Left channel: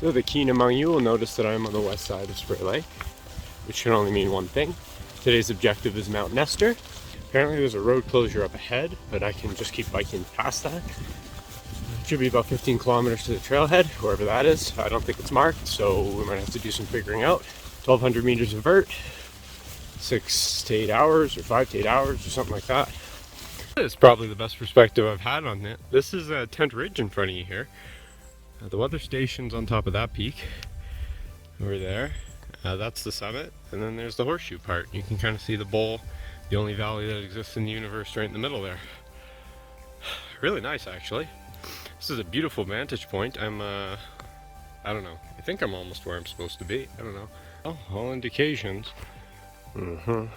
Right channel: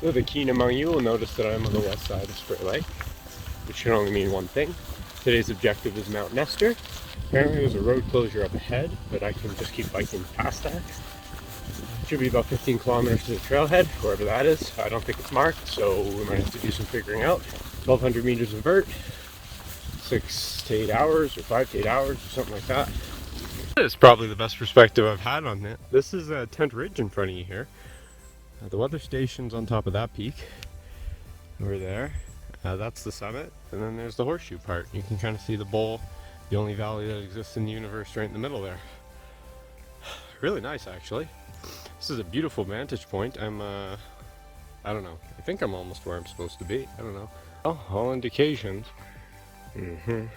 So the keen among you will notice that I'm on the west side of Sptay Lake, which can only mean one thing. Today's objective is Mount Nestor. Apparently there's a road closure up ahead, but I can just keep biking past that. It should be about 15 kilometers to the trailhead, wherever that is. I don't think it's marked, so we might have to do some figuring out. 1,200 meters of vert, 6 to 8 hours, or 5 to 8 hours, or something like that. It's probably the best perspective I've had on it. This is a tent ridge in front of you here. The weather station's on top of that peak over there. That's the summit, and then there's the horseshoe part. You can kind of see the bowl, the only valley that exists in the universe, right in the middle there. Really nice, actually. This is a beautiful vantage point. I don't know. I think I'm almost where I'm supposed to be. I don't know. Oh, all indications point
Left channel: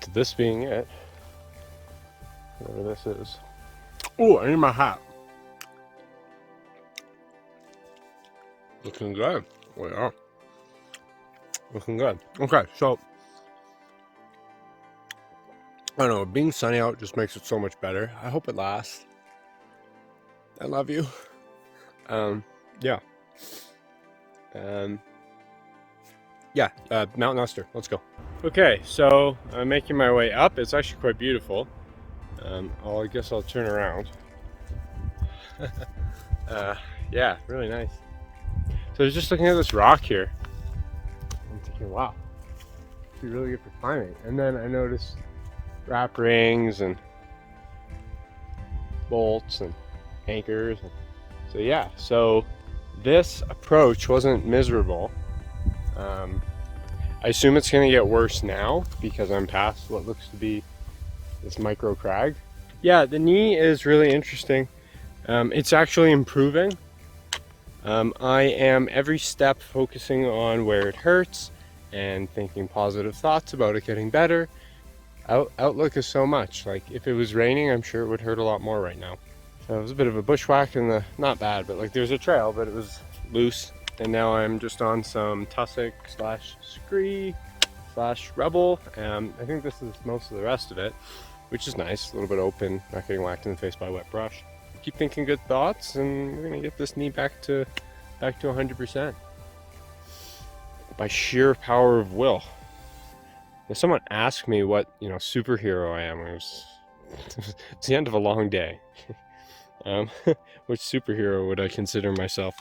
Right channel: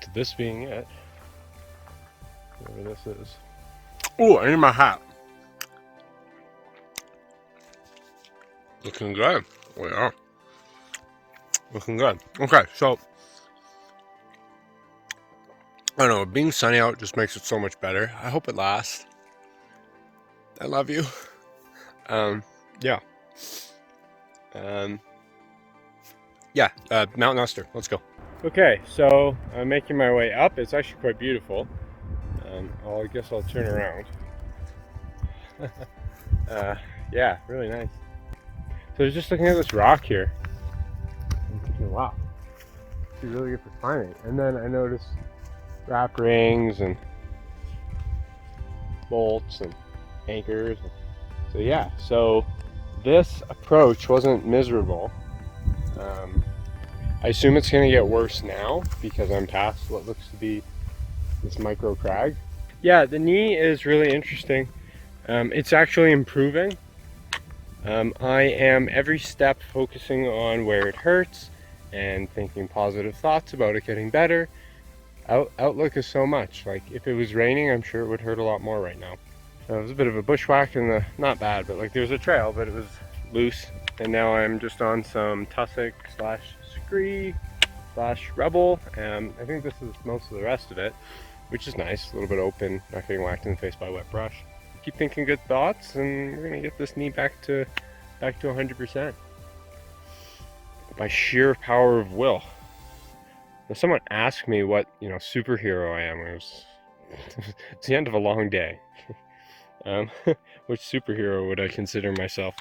to this being it. Whatever this is. Oh, I need my hat. Looking good. We are. Looking good. Okay, so I don't know, being sunny out just makes it so much better. I hope it lasts. I love you. Yeah. Mount Nestor. Let's go. Okay, so I'm making my way up. It's actually quite beautiful. I guess I'll turn around. Yeah, really nice. So I was just looking at this rock here. I'm thinking, wow, it's really good for climbing. And then I noticed wrap rings and bolts and anchors. So yeah, so this approach wasn't miserable. I assume it's going to get worse now because I'm past what looks to be this micro crag. Yeah, the knee is really interesting. It's actually improving. I am every step focusing on where it hurts and thinking positive thoughts about it getting better. Outlook is so much. Like if it was raining, I'm sure it would hurt a lot more right now. It was a bit of a bushwhack and not bad, but like there was a trail, but it was loose. And now I'm just on some tussock / scree / rebel. I think this is most of the rest of it, which is nice. A little bit open, not getting whacked in the face by a wet brush. Keep thinking good thoughts, and we're gonna get this knee back to 100% by sheer power of will. If someone asked me what superhero I am, it's the end of a long day. Which superhero would I consider myself?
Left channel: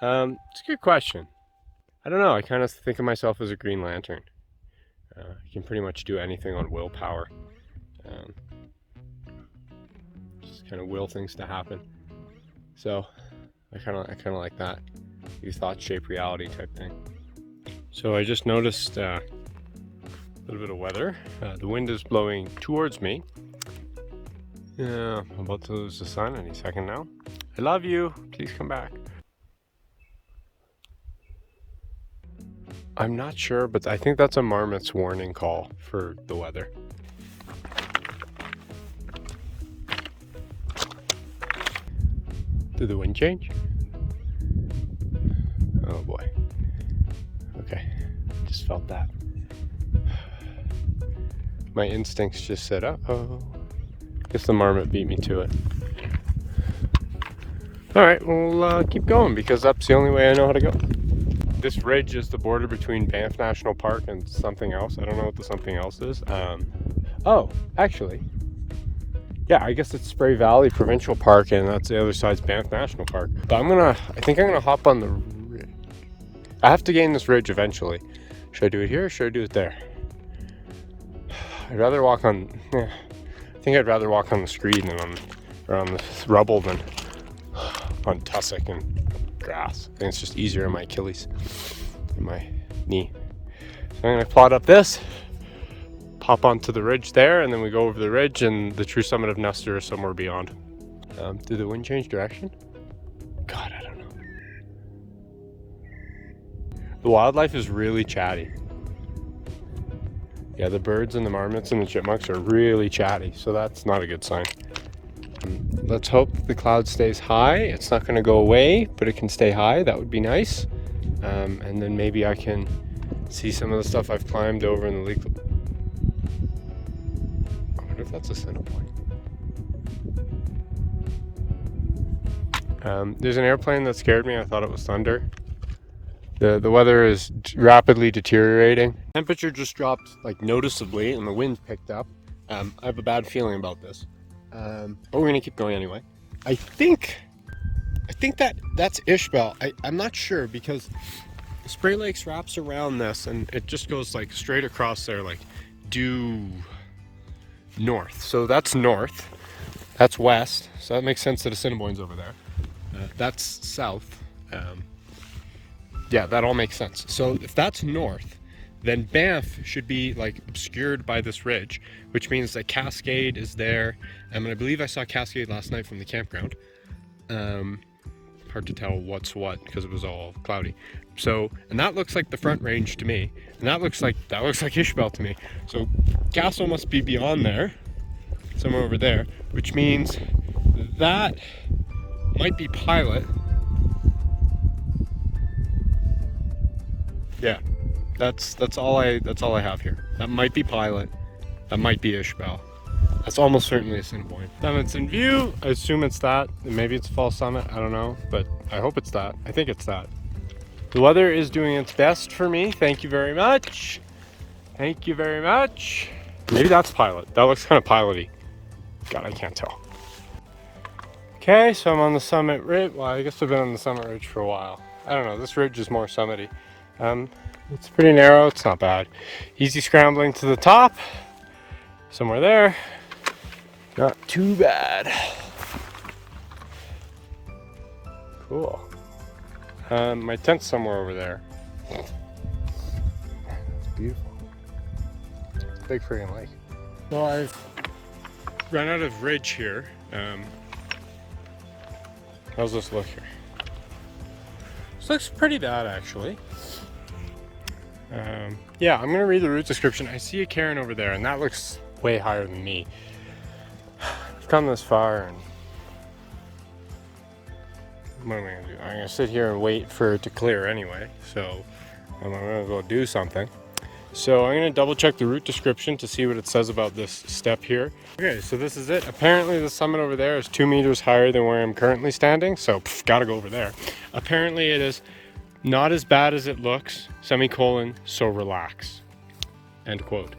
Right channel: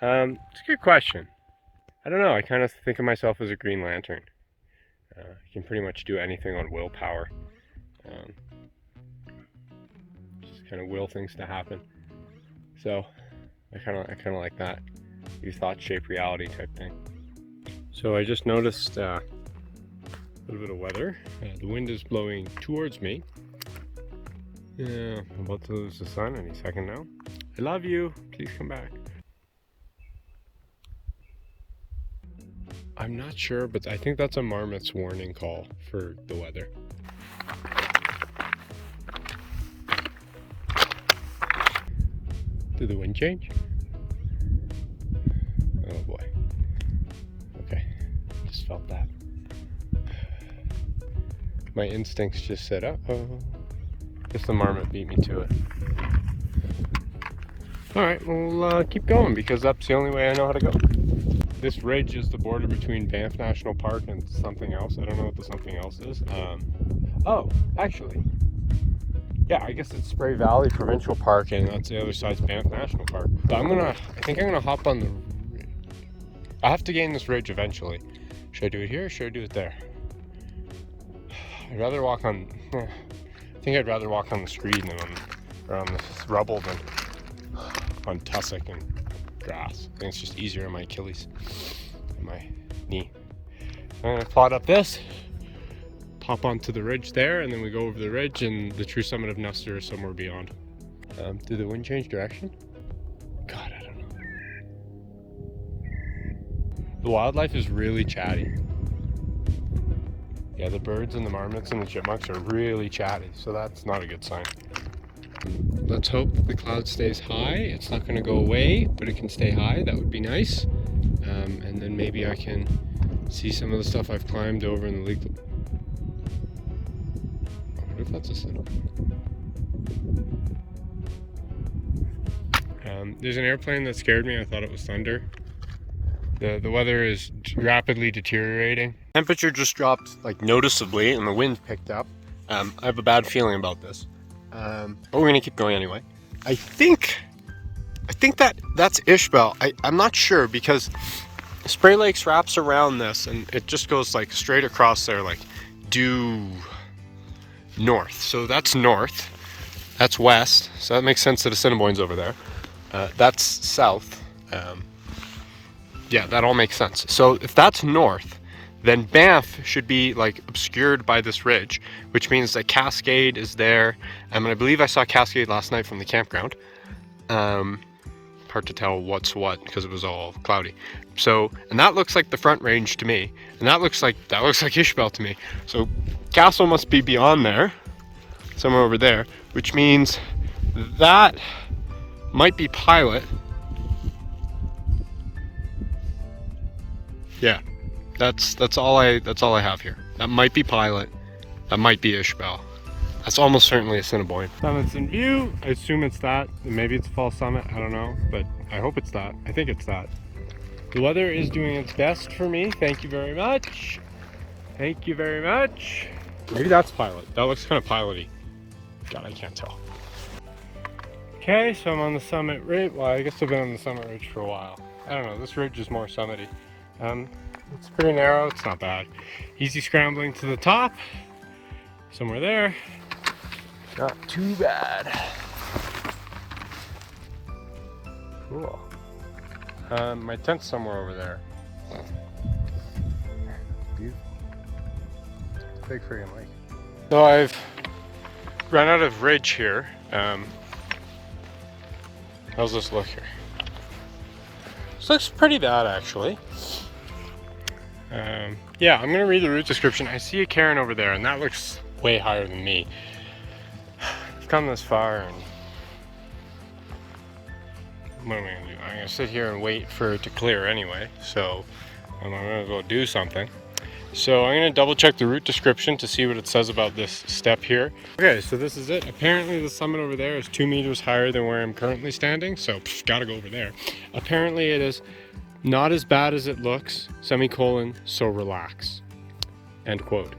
It's a good question. I don't know. I kind of think of myself as a Green Lantern. I can pretty much do anything on willpower. Just kind of will things to happen. So I kind of like that. Your thoughts shape reality type thing. So I just noticed a little bit of weather. The wind is blowing towards me. Yeah, I'm about to lose the sun any second now. I love you. Please come back. I'm not sure, but I think that's a marmot's warning call for the weather. Did the wind change? Oh boy. Okay, just felt that. My instincts just said, uh-oh. Guess the marmot beat me to it. Alright, we'll keep going because that's the only way I know how to go. This ridge is the border between Banff National Park and something else. I don't know what the something else is. Oh, actually. Yeah, I guess it's Spray Valley Provincial Park, and that's the other side's Banff National Park. But I think I'm gonna hop on the... I have to gain this ridge eventually. Should I do it here or should I do it there? I'd rather walk on... Yeah, I think I'd rather walk on the screen than on the rubble than on tussock and grass. I think it's just easier on my Achilles and my knee. So I'm gonna plot up this, pop onto the ridge there, and then we go over the ridge, and the true summit of Nestor is somewhere beyond. Did the wind change direction? God, I don't know. The wildlife is really chatty. Yeah, the birds and the marmots and the chipmunks are really chatty, so that's not a good sign. Let's hope the cloud stays high. It's not going to go away, but it can stay high. That would be nice. And then maybe I can see some of the stuff I've climbed over in the lake. I wonder if that's a center point. There's an airplane that scared me. I thought it was thunder. The weather is rapidly deteriorating. Temperature just dropped like noticeably and the wind picked up. I have a bad feeling about this. But we're gonna keep going anyway. I think that's Ishbel. I'm not sure because Sptay Lakes wraps around this and it just goes like straight across there, like due north. So that's north, that's west. So that makes sense that Assiniboine's over there. That's south. Yeah, that all makes sense. So if that's north, then Banff should be like obscured by this ridge, which means that Cascade is there. And I believe I saw Cascade last night from the campground. Hard to tell what's what because it was all cloudy. So, and that looks like the Front Range to me, and that looks like Ishbel to me. So Castle must be beyond there, somewhere over there, which means that might be Pilot. Yeah, that's all I have here. That might be Pilot. That might be Ishbel. That's almost certainly Assiniboine. Summit's in view. I assume it's that. Maybe it's Fall Summit. I don't know, but I hope it's that. I think it's that. The weather is doing its best for me. Thank you very much. Thank you very much. Maybe that's Pilot. That looks kind of pilot-y. God, I can't tell. Okay, so I'm on the summit ridge. Well, I guess I've been on the summit ridge for a while. I don't know. This ridge is more summity. It's pretty narrow. It's not bad. Easy scrambling to the top. Somewhere there. Not too bad. Cool. My tent's somewhere over there. It's beautiful. It's a big friggin' lake. So I've run out of ridge here. How's this look here? This looks pretty bad actually. Yeah, I'm gonna read the route description. I see a cairn over there and that looks way higher than me. I've come this far and what am I gonna do? I'm gonna sit here and wait for it to clear anyway, so I'm gonna go do something. So I'm gonna double check the route description to see what it says about this step here. Okay, so this is it. Apparently the summit over there is 2 meters higher than where I'm currently standing, so gotta go over there. Apparently it is not as bad as it looks, semicolon, so relax, end quote.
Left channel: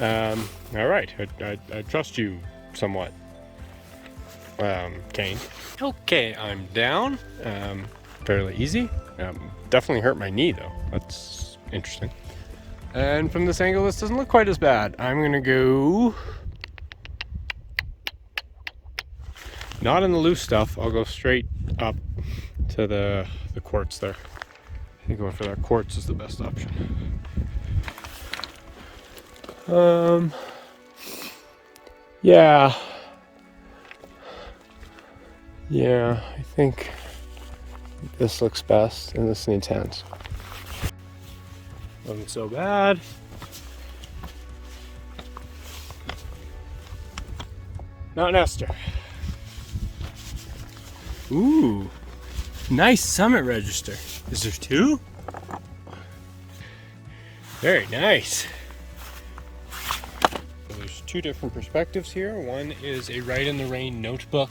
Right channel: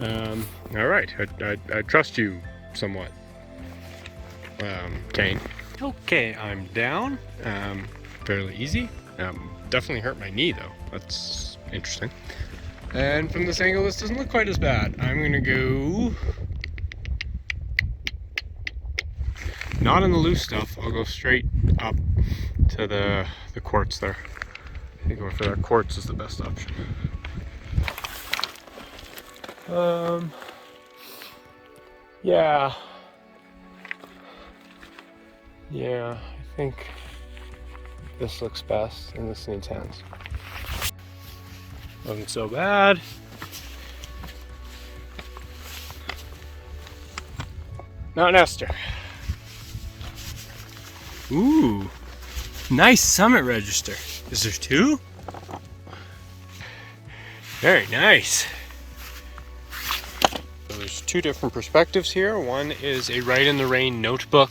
All right, I trust you somewhat, Kane. Okay, I'm down, fairly easy. Definitely hurt my knee though, that's interesting. And from this angle, this doesn't look quite as bad. I'm gonna go, not in the loose stuff, I'll go straight up to the quartz there. I think going for that quartz is the best option. Yeah, I think this looks best and this needs hands. Wasn't so bad. Mount Nestor. Ooh, nice summit register. Is there two? Very nice. So there's two different perspectives here. One is a Ride in the Rain notebook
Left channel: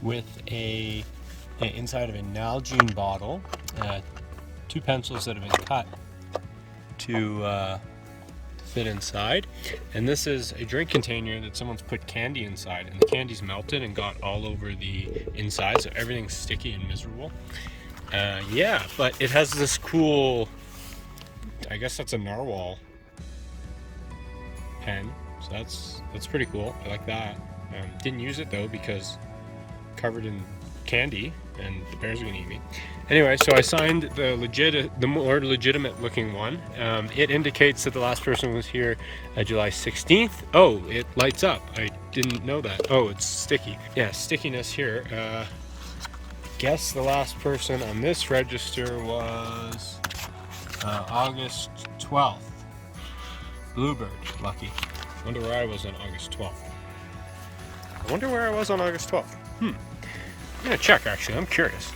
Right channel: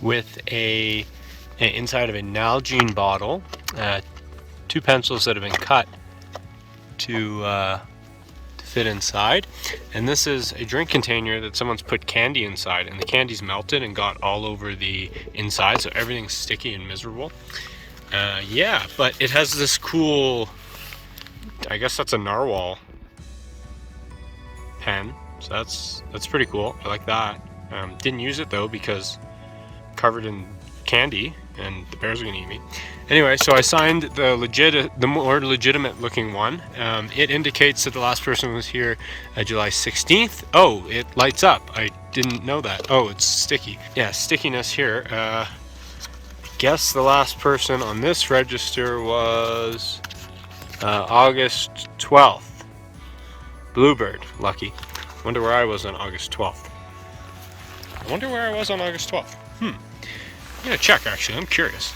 with a inside of a Nalgene bottle, two pencils that have been cut to fit inside, and this is a drink container that someone's put candy inside, and the candy's melted and got all over the inside, so everything's sticky and miserable. Yeah, but it has this cool, I guess that's a narwhal pen, so that's pretty cool. I like that. Didn't use it though because covered in candy and the bears are gonna eat me. Anyway, so I signed the more legitimate looking one. It indicates that the last person was here July 16th. Oh, it lights up. I didn't know that. Oh, it's sticky. Yeah, stickiness here. I guess the last person on this register was August 12th. Bluebird, lucky. Wonder where I was on August 12th. I wonder where I was on August 12th. I'm gonna check actually, I'm curious.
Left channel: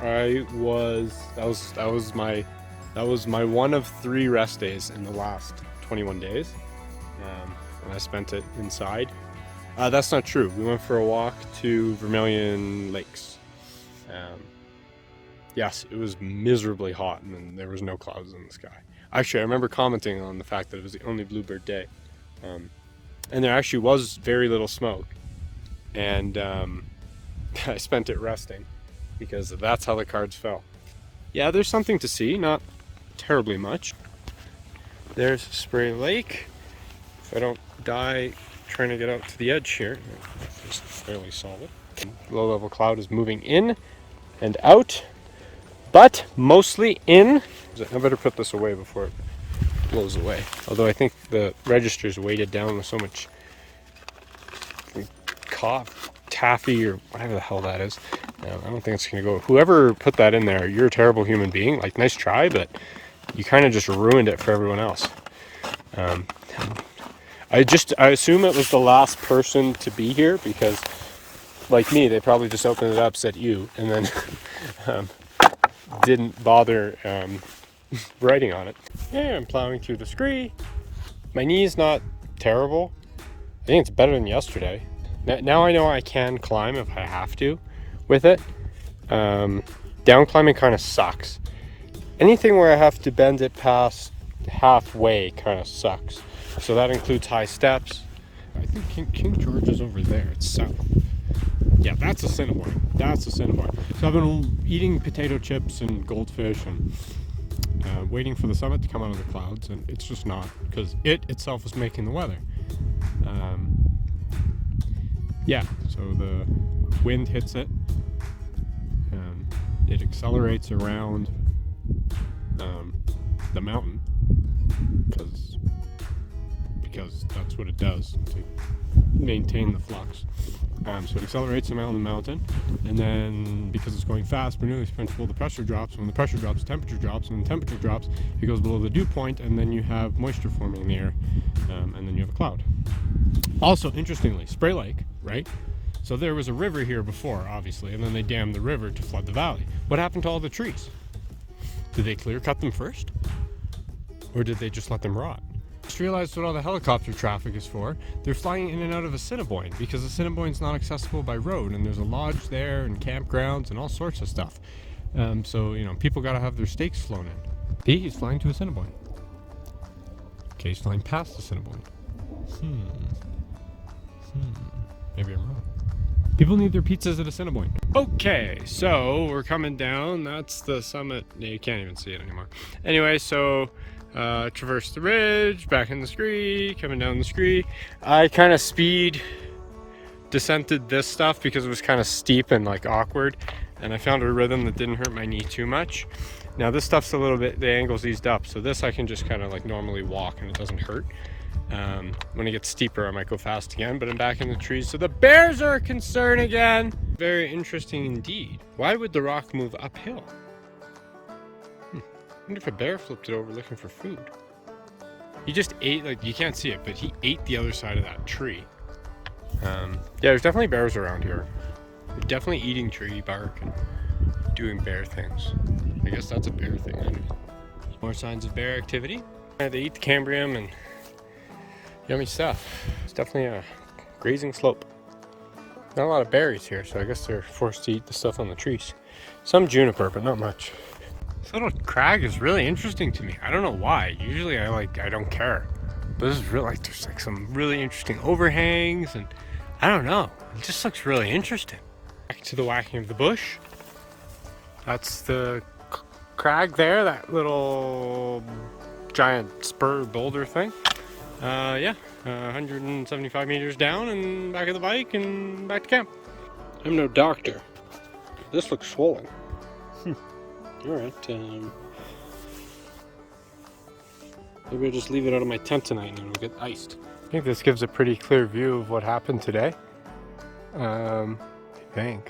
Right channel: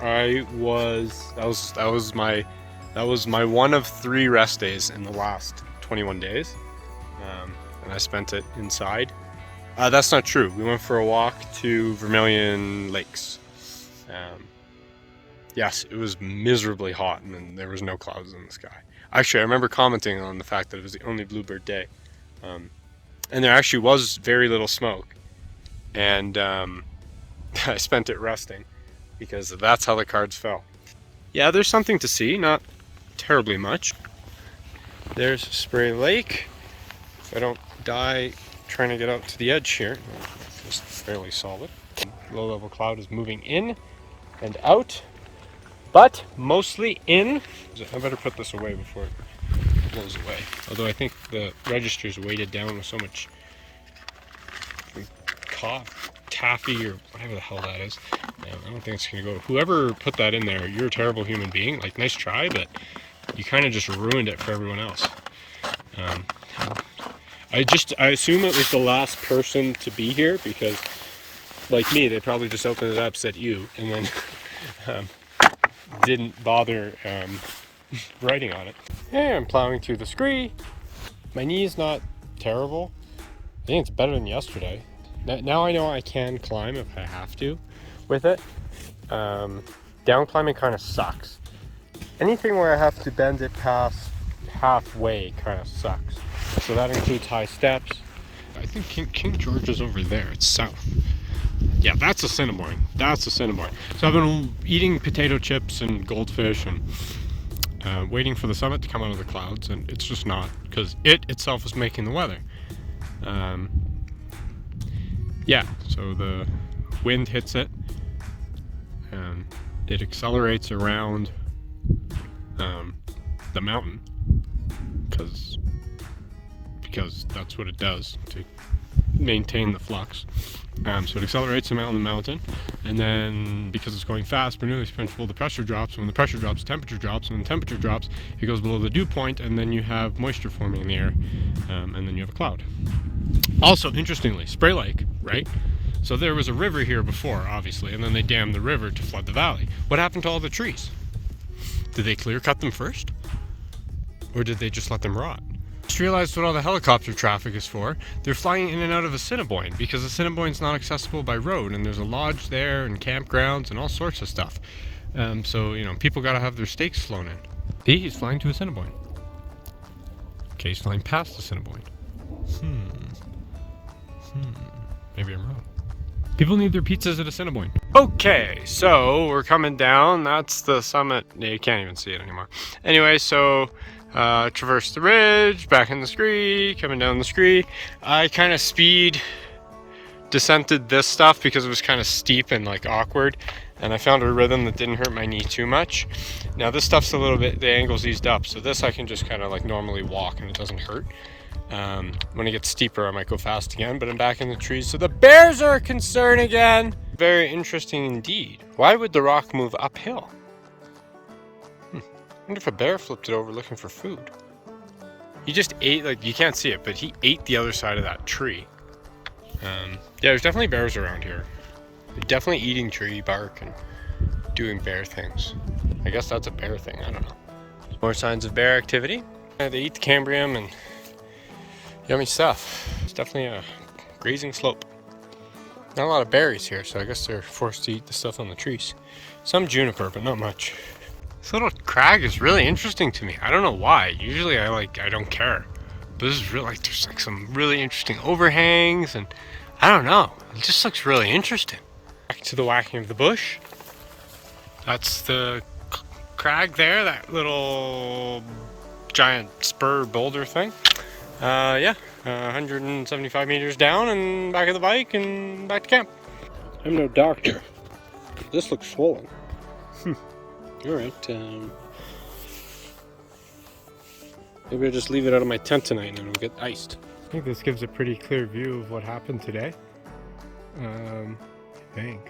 That was my one of 3 rest days in the last 21 days. And I spent it inside. That's not true. We went for a walk to Vermilion Lakes. Yes, it was miserably hot, and then there was no clouds in the sky. Actually, I remember commenting on the fact that it was the only bluebird day. And there actually was very little smoke. And I spent it resting because that's how the cards fell. Yeah, there's something to see, not terribly much. There's Sptay Lake. If I don't die trying to get out to the edge here, it's fairly solid. Low level cloud is moving in and out, but mostly in. I better put this away before it goes away. Although I think the register's weighted down with so much taffy or whatever the hell that is. I don't think it's gonna go. Whoever put that in there, you're a terrible human being. Like, nice try, but you kind of just ruined it for everyone else. I assume it was the last person to be here because, like me, they probably just opened it up, said "you," and then didn't bother writing on it. Hey, I'm plowing through the scree. My knee's not terrible. I think it's better than yesterday. Now I know I can climb if I have to with it. Down climbing kind of sucks. Anything where I have to bend it past halfway kind of sucks. So that includes high steps. I think King George is over there. It's south. Yeah, that's Assiniboine. That's Assiniboine. So I've been eating potato chips and goldfish and waiting for the summit to come out of the clouds, and it's just not, because it itself is making the weather. Yeah, so the wind hits it, and it accelerates around the mountain, because that's what it does to maintain the flux. So it accelerates around the mountain, and then because it's going fast, Bernoulli's principle, the pressure drops. When the pressure drops, the temperature drops. When the temperature drops, it goes below the dew point, and then you have moisture forming in the air, and then you have a cloud. Also, interestingly, Sptay Lake, right? So there was a river here before, obviously, and then they dammed the river to flood the valley. What happened to all the trees? Did they clear cut them first? Or did they just let them rot? Just realized what all the helicopter traffic is for. They're flying in and out of Assiniboine because Assiniboine's not accessible by road, and there's a lodge there and campgrounds and all sorts of stuff. So, you know, people gotta have their steaks flown in. He's flying to Assiniboine. Okay, he's flying past Assiniboine. Maybe I'm wrong. People need their pizzas at Assiniboine. Okay, so we're coming down. That's the summit. You can't even see it anymore. Anyway, so traversed the ridge, back in the scree, coming down the scree. I kind of speed descended this stuff because it was kind of steep and like awkward, and I found a rhythm that didn't hurt my knee too much. Now this stuff's a little bit, the angle's eased up, so this I can just kind of like normally walk and it doesn't hurt. When it gets steeper, I might go fast again, but I'm back in the trees, so the bears are a concern again. Very interesting indeed. Why would the rock move uphill? I wonder if a bear flipped it over looking for food. He just ate, like, you can't see it, but he ate the other side of that tree. Yeah, there's definitely bears around here. They're definitely eating tree bark and doing bear things. I guess that's a bear thing, I don't know. More signs of bear activity. They eat the cambrium and yummy stuff. It's definitely a grazing slope. Not a lot of berries here, so I guess they're forced to eat the stuff on the trees. Some juniper, but not much. This little crag is really interesting to me. I don't know why. Usually I don't care. But this is really, like, there's like some really interesting overhangs, and I don't know. It just looks really interesting. Back to the whacking of the bush. That's the crag there, that little giant spur boulder thing. Yeah, 175 meters down and back of the bike and back to camp. I'm no doctor. This looks swollen. Alright, maybe I'll just leave it out of my tent tonight and it'll get iced. I think this gives a pretty clear view of what happened today. Bank.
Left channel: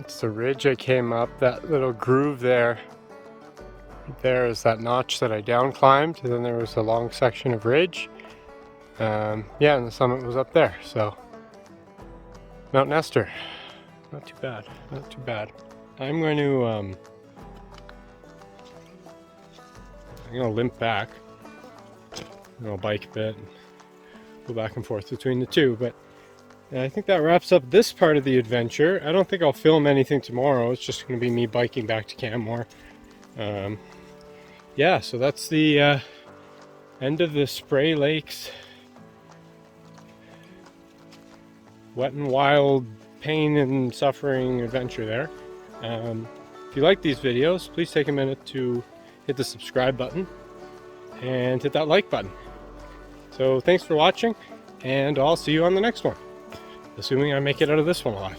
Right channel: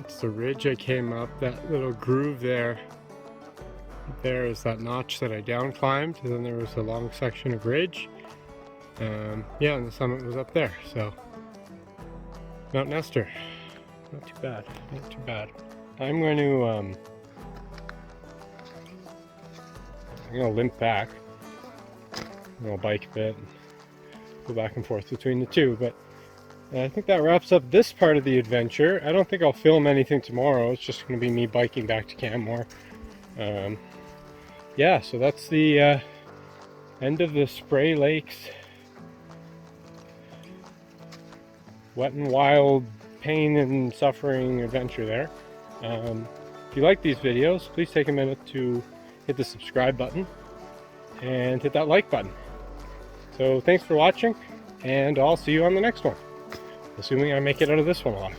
It's the ridge I came up, that little groove there. There is that notch that I down climbed, and then there was a long section of ridge. Yeah, and the summit was up there, so Mount Nestor. Not too bad, not too bad. I'm going to limp back. I'll bike a bit and go back and forth between the two, but And I think that wraps up this part of the adventure. I don't think I'll film anything tomorrow. It's just going to be me biking back to Canmore. Yeah, so that's the end of the Sptay Lakes wet and wild pain and suffering adventure there. If you like these videos, please take a minute to hit the subscribe button and hit that like button. So thanks for watching, and I'll see you on the next one, assuming I make it out of this one alive.